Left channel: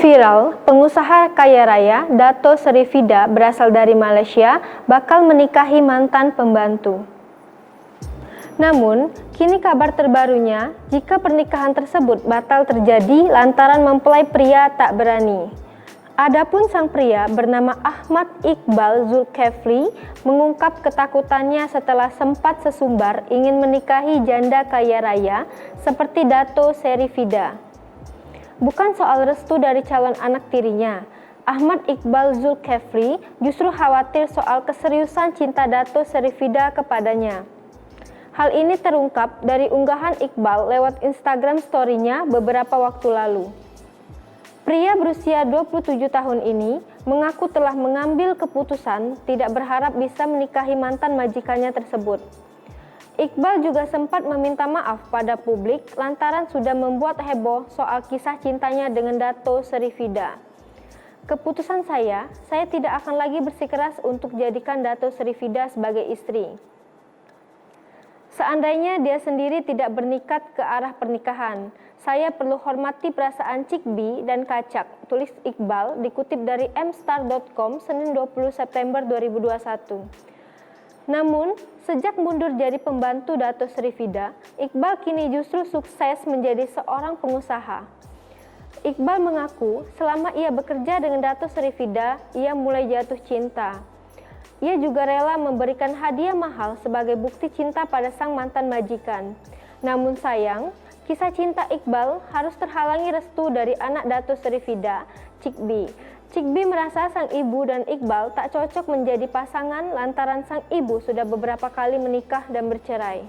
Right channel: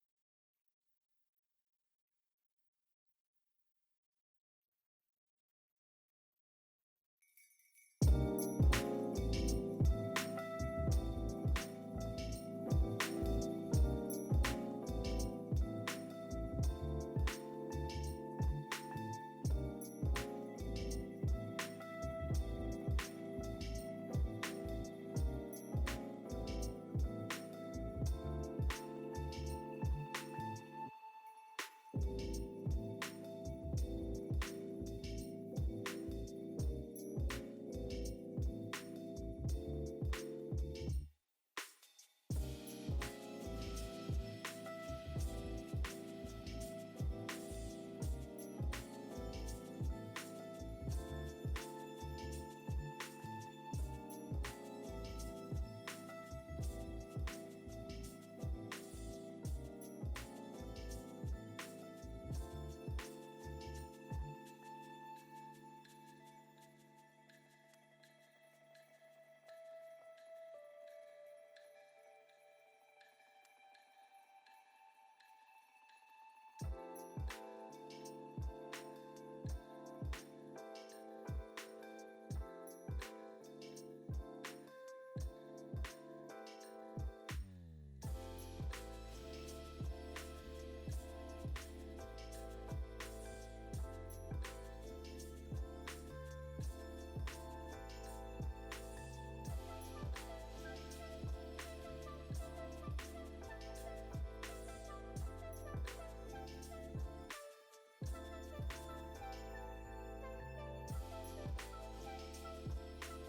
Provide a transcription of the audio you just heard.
Viral, pengusaha kaya raya Dato Seri Vida berasal dari Malaysia bakal menikahi mantan pembantu. Namun, kini kabar terbarunya jika pernikahan tersebut batal terjadi lantaran mempelai pria tak berani. Adapun sang pria bernama Ahmad Iqbal Zulkefli mengungkap ketakutannya setelah sempat sesumbar ingin menikahi janda kaya raya seperti Dato Seri Vida. Bukan soal restu dari calon anak tirinya, Ahmad Iqbal Zulkefli justru khawatir soal keseriusan cinta Dato Seri Vida kepadanya. Hal ini terungkap dari unggahan Iqbal lewat Instagram story-nya beberapa waktu lalu. Pria berusia 27 tahun ini mengaku telah mengambil keputusan tidak berharap bisa menikahi mantan majikannya tersebut. Iqbal juga sempat meminta maaf pada publik lantaran sudah membuat heboh soal kisah cintanya dengan Dato Seri Vida. Keputusan saya tidak akan lagi bersikeras untuk jadikan Dato Seri Vida sebagai istri. Seandainya dia sendiri tidak berniat ke arah pernikahan, saya perlu hormati perasaan Cikbi dan Kacak, tulis Iqbal dikutip dari mstar.com Senin 20 September 2021. Namun, sejak mundur jadi pembantu Dato Seri Vida, Iqbal kini justru sukses menjadi seorang pengusaha. Iqbal mengaku selama ia bekerja dengan Dato Seri Vida, ia mulai jatuh cinta. Ia juga rela memberikan hadiah mahal sebagai bukti cinta pada sang mantan majikan. Namun sayang, kisah cinta Iqbal harus terhalangi restu dari anak Dato Seri Vida, Cikbi. Cikbi merasa sang ibu dan Iqbal tak cocok menjadi pasangan lantaran sang ibu sudah beberapa kali menikah dan bercerai.